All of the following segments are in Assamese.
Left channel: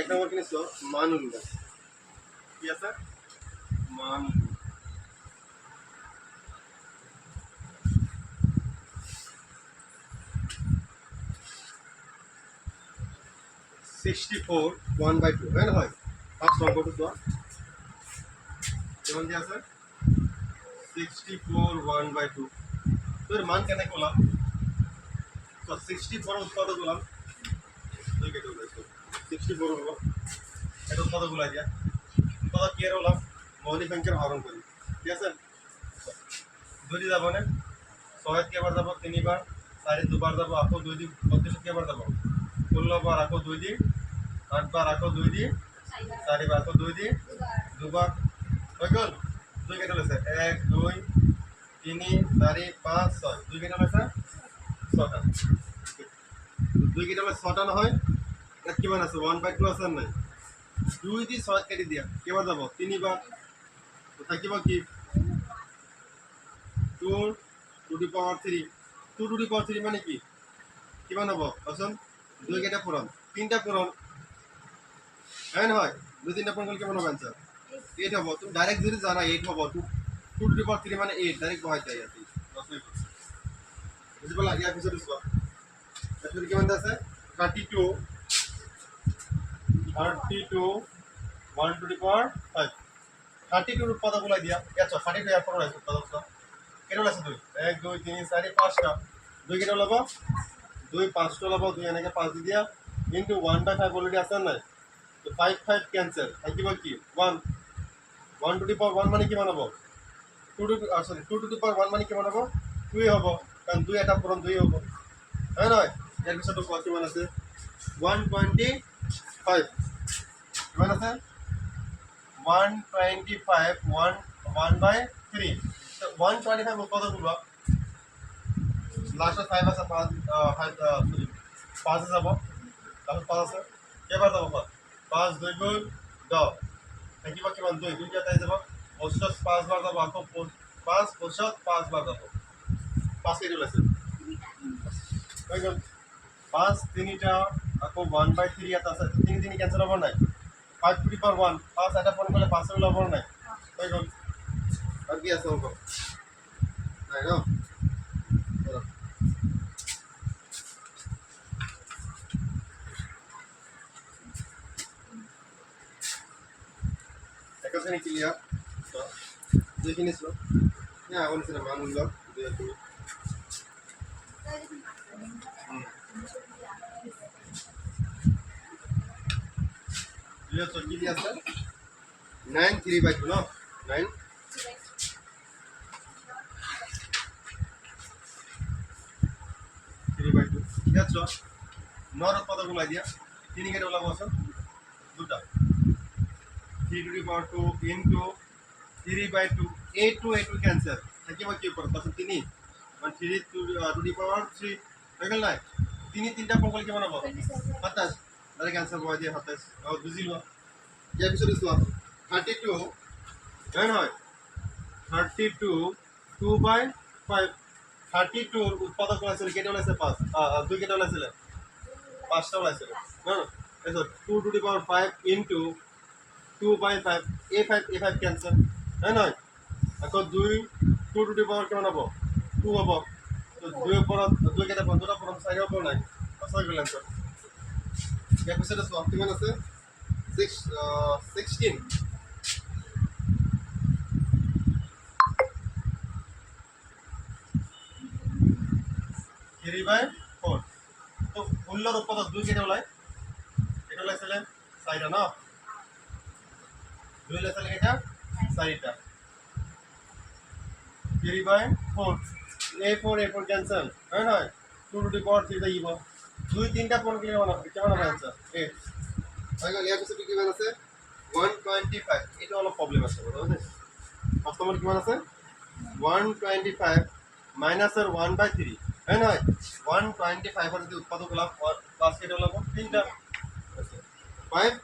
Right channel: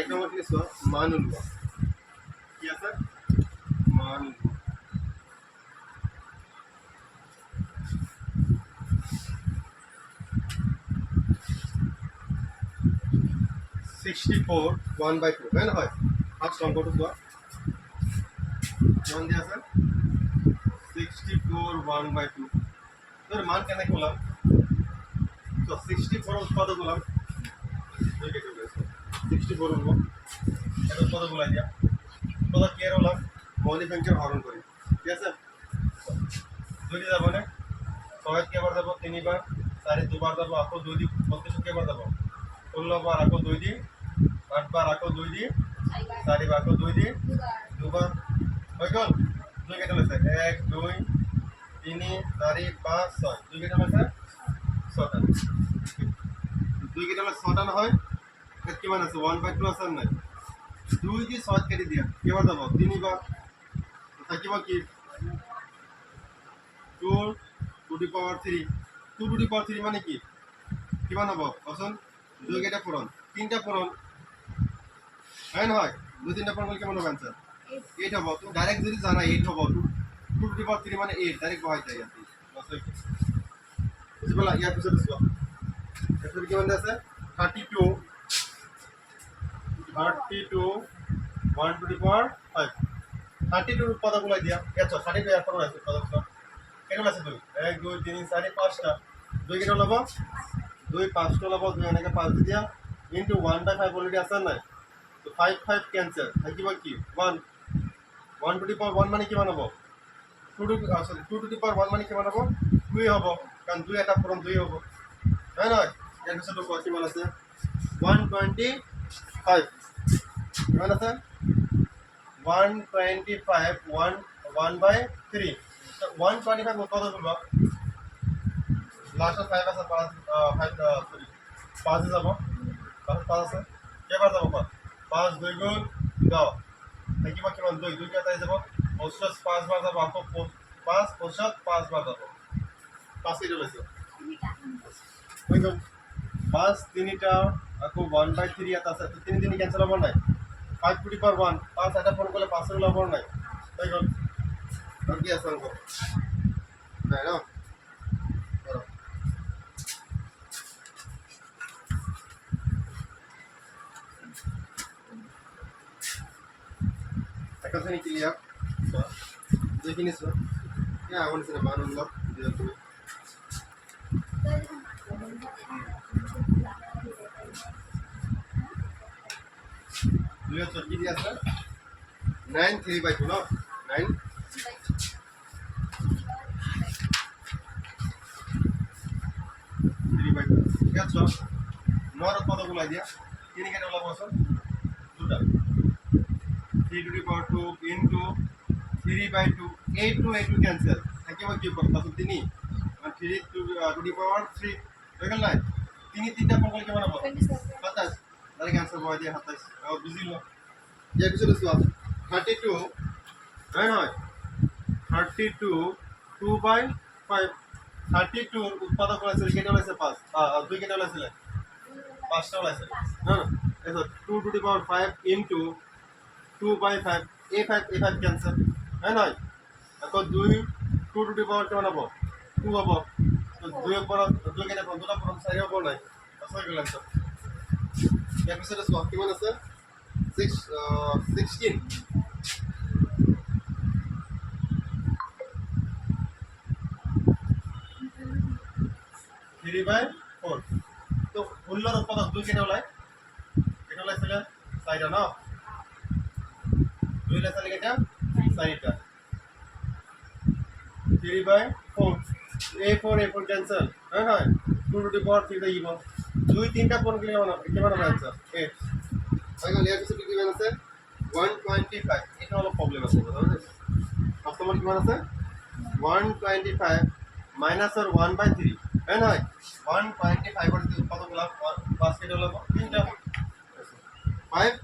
এক নম্বর কি নিছো মান উল্লেখ কি আছে মান 64 1/2 হয় না হয় ফার্স্ট অঙ্কটা তো কেমন দিয়ে আছে 64 1/2 তোর মান কেন করলাম তো 64 উৎপাদক করলাম দুই কেটে উঠেছে 64 হলো এটা উৎপাদক গুলাই দিয়া উৎপাদক কি এর হলাম মৌলিক সংখ্যার হরণ করি ঠিক আছে দুইটি যাব না ছয় কেবার যাব তিনবার চারি দুবার যাব আকৌ দুই দি 32 কেবার যাব 16 বার আকৌ দুই দি 8 বার আকৌ দুই দি 4 বার আকৌ দুই দি দুবার হয়ে গেল দুই কেটে লেছে 1 2 3 4 5 6 দুই কেটে লেছে 6টা দুই কেটে লেছে 6টা নহয় এত কিমান আছে 1/2 আছে নাই দুই দি 6 কেটে দিয়া কেবার যাব তিনবার তো থাকিব কি 2 two the power 3 2 two the পাওয়ার 3 মানে কি কিমান হ'ব কোৱাচোন দুই কেইটা পূৰণ তিনিটা পূৰণ হয় নহয় দুই তিনিটা পূৰণ কৰিলে কিমান হ'ব এনসার 8 হ'ব তুমি ডাইরেক্ট যদি জানা 8 হ'ব 2 টু দি পাওয়ার 3 মানে 8 ডাইরেক্ট বহাই যায় ইয়াতে বুঝিবলা ইয়াৰ পিছতে চোৱা এটো কিমান আছে 32 1 টু দি পাওয়াৰ 5 32 উৎপাদক ওলাই দিয়া ইয়াত 32 ইয়াৰ পৰা আছে উৎপাদক চোৱা কেনে ওলাইছে দুই 1 2 3 4 5টা দুই কেনে ওলাব দুই 5টা ওলাব দুই এনেকে 5 দি দিয়া ইনটু 1/5 অলরেডি আছে নাই তো 5 5 ক্যান্সেল থাকিব কি 1 1 টু দি পাওয়ার 1 মানে কিমান হ'ব 2 টু সরি 2 টু দি পাওয়ার 1 মানে কিমান হ'ব 2 হ'ব কাৰণ 2 এটা পূৰণ 2 হ'ব হয় নহয় ইয়াৰ পিছত কিমান আছে 125 কিমান আছে 125 1/3 so 125 উৎপাদক ওলোৱা লাস্টত 5 আছে 5 সৰি 5 যাব লাস্টত 5 আছে কেইবাৰ যাব 5 2 গুণ 10 থাকিব কিমান 2 2 কেইটা যাব 5 বাৰ যাব আকৌ 5 5 বাৰ যাব 5 কেইটা ওলাইছে হৈ গ'ল 5 তিনিটা আকৌ 1/3 ইয়াত আছে 3 3 কেনসেল হ'ব নাই 5 টু দি পাওয়ার 1 5 এটা ফোন করলে 5 এর ওলাব নাই হৈ গ'ল আর কি আছে অঙ্ক নাই না করো একটা শ্রেণী ক্লিয়ার দেখি নিছো হ্যাঁ আগুন ছিল মান উল্ল দুই দুই দুই কি দিয়ে আছে 9 3/2 না 9 3/2 দেখছো নর উৎপাদক ওলাই দিয়া তিন কেটে ওলাব আছে দুটা 3 to the power 2 into 3/2 8 to 8 cancel থাকিব কি করব তাহলে 3 মানে 3 টু দি পাওয়ার 3 হয়ে গেল না 3 তিনটা পর করলে কেমন হবে 27 ডাইরেক্ট आंसर বহাই দিয়া 27 আর বুঝিলো ইয়ার পিছনে চোৱা 32 হয় নহয় 32 2/5 32 ৰ উৎপাদক ওলাইছিল কেইটা ওলাইছে 5 দুই কেইটা ওলাইছিল 5টা ওলাইছিল না না এসো 2 two the power 5 into 2/5 a5 cancel হয় নহয় আকৌ 2 2 টু দি পাওয়ার কেমন হ'ব 2 হ'ব তো 2 এর পর 2 কেইটা পর দুটা পর 4 হ'ব নাই আচ্ছা গেল आंसर ইয়াৰ পিছতে চোৱা কিমান আছে 16 3/4 তো 16 উৎপাদক 2 কেটে ওলাই এটা ওলাইছিল 4টা না 2 ওলাইছিল কেটা 4টা 3/4 a4 ক্যান্সেল হয় না 2 টু দি পাওয়ার 3 যাইব 2 3টা পর গেলে কেমন হবে आंसर 8 আইগো লিয়া কিছু কিমান আছে 125 এটা হলো প্রবলেম আছে বুঝছো কাস্টমার কিমান আছে 125 মাইনাস আর 1/3 है ना 125 এর যে উৎপাদক লাভ পাঁচ কেটে লাভ তিনটা 5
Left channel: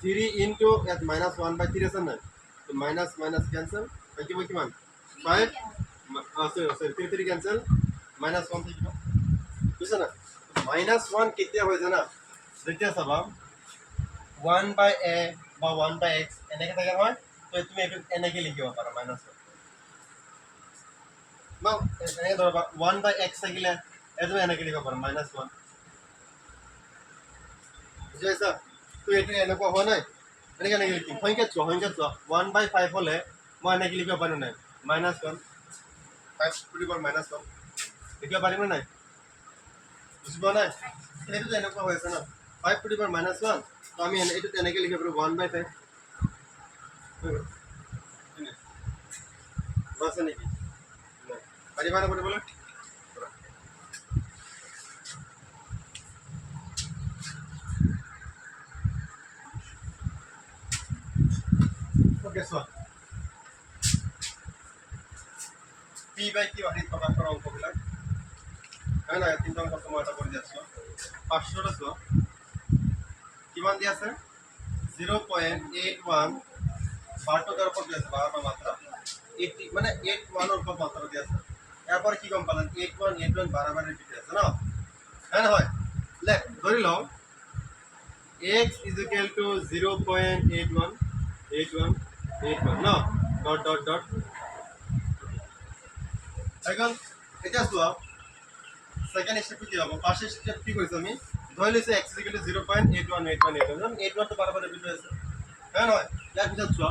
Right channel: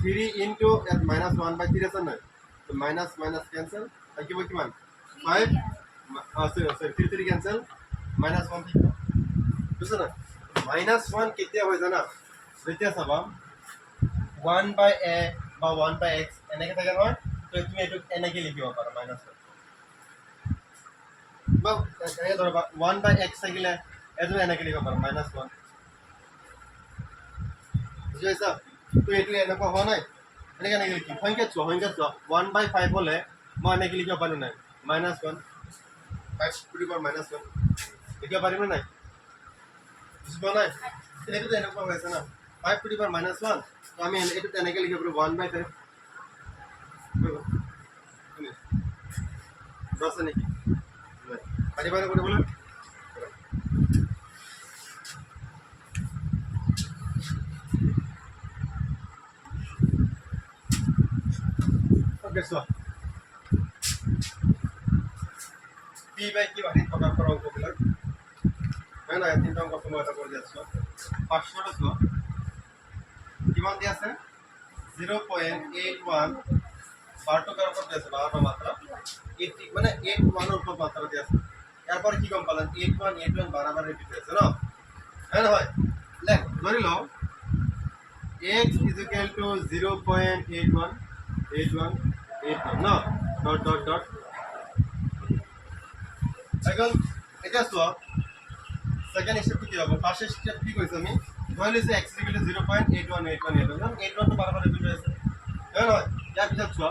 3 ইনটু এট মাইনাস 1/3 আছে না তো মাইনাস মাইনাস ক্যান্সেল থাকিব কিমান 5 সরি 3 ক্যান্সেল মাইনাস 1 থাকিব বুঝছ না মাইনাস 1 কেতিয়া হয় জানা যেতিয়া চাবা 1/a বা 1/x এনেকৈ থাকে নহয়, তো তুমি এইটো এনেকৈ লিখিব পাৰা মাইনাছ বা এনেকৈ ধৰবা 1/x থাকিলে এইটো এনেকৈ লিখিব পাৰা -1 বুজি পাইছা? তো এইটো এনেকুৱা হোৱা নাই, এনেকৈ এনেকৈ লিখিম সংখ্যাত চোৱা 1/5 হ'লে মই এনেকৈ লিখিব পাৰোঁ নাই -1 5^-1 লিখিব পাৰিম নে নাই? বুজি পোৱা নাই? এইটোতো এনেকুৱা হৈ আছে ন 5^-1 তো আমি এইটো তেনেকৈ লিখিব পাৰোঁ 1/5 আছে নেকি? নাই পাৰিবা নে কৰিবলৈ? ওকে চোৱা P/Q আদিত প্ৰকাশ কৰা অংকবিলাক হয় নাই? 3টা অংক মই এটা কৰি দি আছোঁ 500 চোৱা কিমান দি আছে 0.81 12 ওপৰত দি আছে 12 মাত্ৰা 80 মানে 81 ওপৰত মাত্ৰা দি আছে ইয়াৰ পৰা কি গম পালেন 81 বাৰে ৰিপিট আছে ন হয় নহয় লেখ ধৰি লওঁ x is equal to 0.81 ন ডট এখন এটা চোৱা সেকেন্ড স্টেপটো কি হ'ব ফাৰ্স্ট স্টেপ কি কৰিছো আমি ধৰি লৈছো x is equal to 0.81 তো বাৰে ৰিপিট হৈ আছে হয় নহয় ইয়াৰ পিছত চোৱা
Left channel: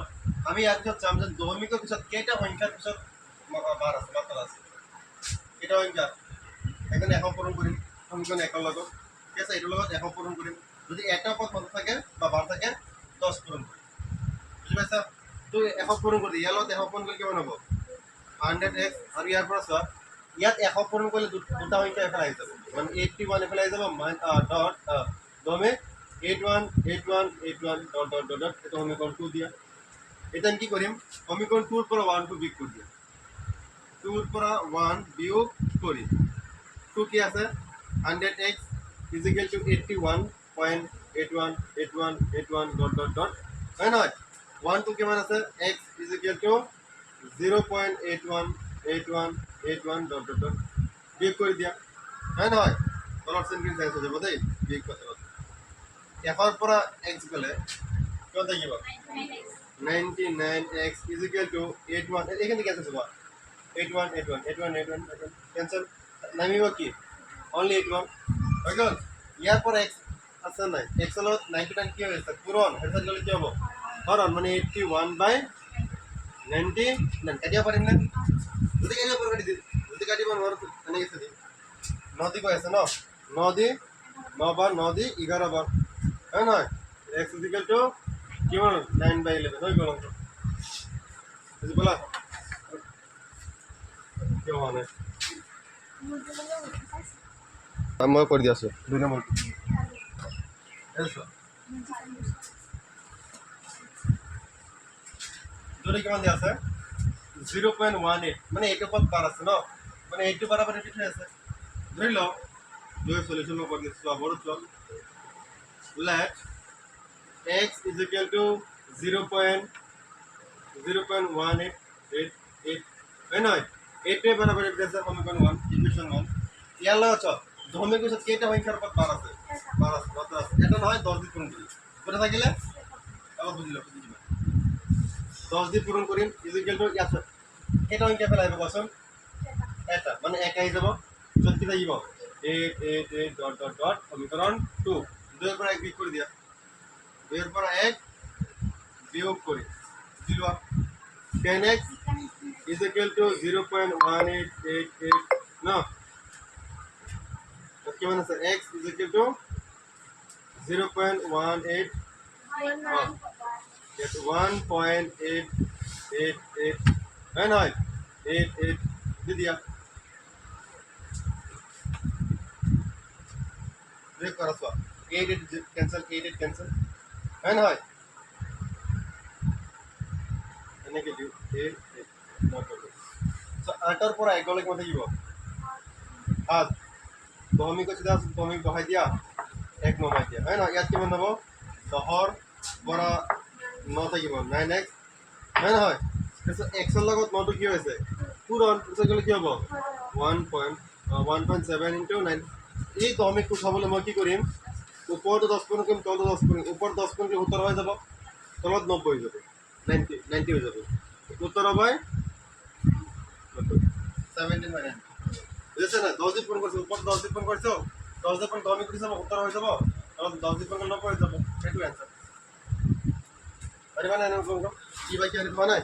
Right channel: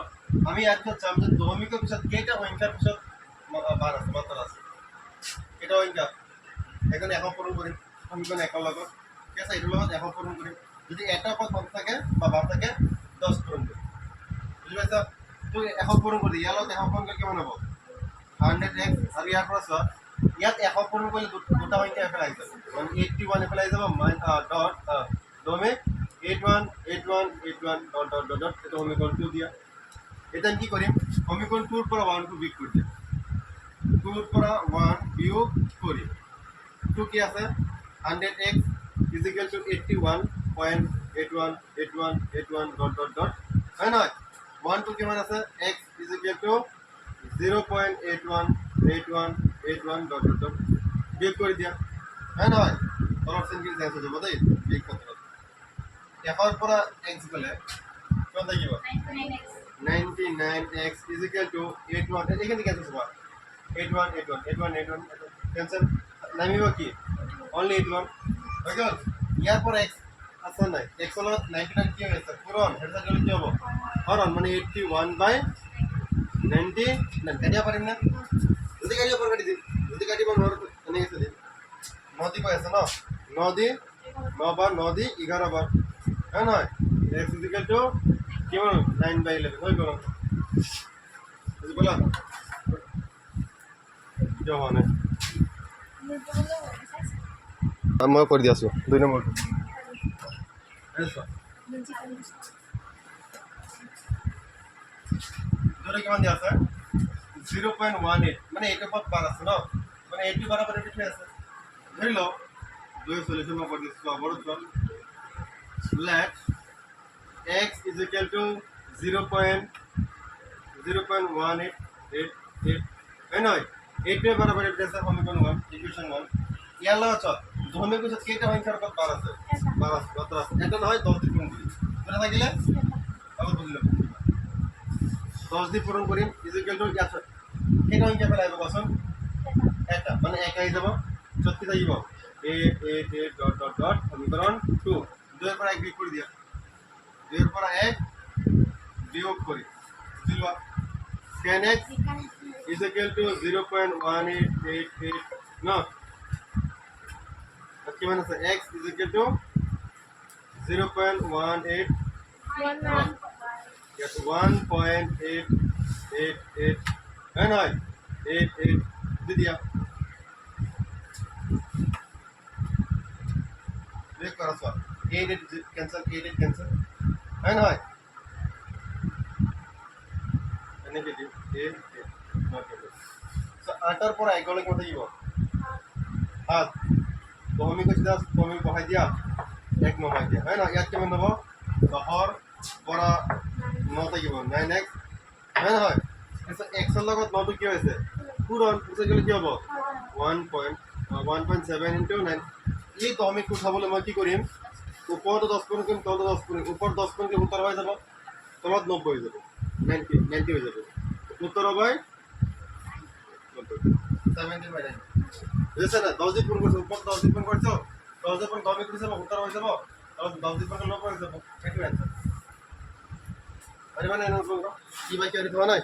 আমি ইয়াৰ পিছত চাম যে দশমিকৰ পিছত কেইটা সংখ্যাৰ পিছত বাৰ আছে মাত্ৰা আছে এটা সংখ্যা এখানে 100 পূৰণ কৰিম সমীকৰণ 1 লগত ঠিক আছে এইটোৰ লগত 100 পূৰণ কৰিম যদি এটা পদ মাত্ৰা থাকে বা বাৰ থাকে 10 পূৰণ কৰিম বুজি পাইছা তো 100 পূৰণ কৰি ইয়াৰ লগত 100 পূৰণ কৰিলে কিমান হ'ব 100x আৰু ইয়াৰ পৰা চোৱা ইয়াত 100 পূৰণ কৰিলে দুটা সংখ্যা এফালে আহি যাব মানে 81 এফালে আহি যাব ডট দমে 81 ডট এটা সমীকৰণ 2 দিয়া এটা কি কৰিম সমীকৰণ 2 ৰ পৰা 1 টো বিয়োগ কৰি দিম 2 ৰ পৰা 1 বিয়োগ কৰি 2 কি আছে 100x is equal to 81.81 dot হয় নহয় 1 টো কিমান আছে x is equal to 0.81 dot বিয়োগ কৰি দিয়া হয় নহয় তলৰ চিনখিনি চেঞ্জ হৈ যাব দেই বিয়োগ ক্ষেত্ৰত 1 ৰ পৰা x গ'লে কিমান থাকিব 99x is equal to 81 এইখিনি কেনচেল হ'ব 81 কেনসেল নামিব কি অনলি 81 হৈ গ'ল ইয়াৰ পৰা x আছে নাই x ৰ লগত 99 কি হৈ আছে পূৰণ এটা গ'লে কি হ'ব হৰণ মানে 81/99 কাটিব পাৰিম না যদি কাটিব পাৰোঁ কাটি দিম যদি কাটিব নোৱাৰোঁ এনেকৈ আছে দিম 9 দি কৈ আছে ন 9 দি 9 বাৰ 9 দি 11 বাৰ হয় নহয় x is equal to কিমান 9/11 হৈ গ'ল বুজি পালা কিয় হোৱা নাই মই কৰি দি আছোঁ 2 নম্বৰটো দুটো কিমান দিয়া আছে 0.18 মানে এইটো পদ বাৰ আছে ন মানে এইটো বাৰে ৰিপিট হৈ আছে ধৰি লওঁ দুই সলিউশন মই কৰি দিছোঁ আবারও চল let x is equal to 0.1888 হয় নহয় এইটোৱে বাৰে ৰিপিট আছে সমীকৰণ 1 ইকুৱেশ্যন 1 ইয়াৰ লগত চল দশমিক পিছত কেইটা সংখ্যাৰ পদ বাৰ আছে মাত্ৰা আছে এটা নহয় 10 দি পূৰণ কৰি কোনে থাকিলে অলপ বুজি লওক 10 দি পূৰণ কৰিম ইজ ইকুৱেল টু ইয়াত কেইটা সংখ্যা পেলাই আহিব কোৱাচোন এটা মানে 1 আহি যাব য'ত কি থাকিব 8 ডট সমীকৰণ 2 2 ৰ পৰা 1 বিয়োগ কৰি দিয়া 2 ৰ পৰা 1 বিয়োগ কৰি বুজি লোৱা 10x ইজ ইকুৱেল টু 0.1888 ন কিমান আছে x is equal to 0.18 get 1.888 है ना 88 दे दिया देख करो सो 88 कैंसिल है ना नेगेटिव 8 नॉट सो 8 पर आइगले কি মতে দিব 7 দশমিক সিধা দশমিক বহাই দিয়া 1 নমাই দিয়া है ना ইয়াত কিমান হ'ব 10 পৰা 9 থাকিব 9x হয় নহয় তাৰপিছত x ৰ লগত 9 টো কি হৈছে পূৰণ পিছত গ'লে কি হ'ব 1.7 into 9 এই দশমিক উঠাবলৈ মই কি কৰিম ওপৰতো 10 পইণ্ট কৰিম তলতো 10 পইণ্ট ওপৰত 10 পইণ্ট 70 হৈ যাব তলত 90 হৈ যাব 90 হৈ যাব 70 বাই 70 বাই 90 বুঝেছে না 10 দিয়ে পূরণ করছো উপর 10 দিয়ে পূরণ করছো 10 দিয়ে পূরণ 10 দিয়ে করছো 70 হয়ে যাব তখন 10 দিয়ে পূরণ 90 হয়ে যাব এটু অ্যানসার আরে মানে কি ভাই কি আরে তো নাই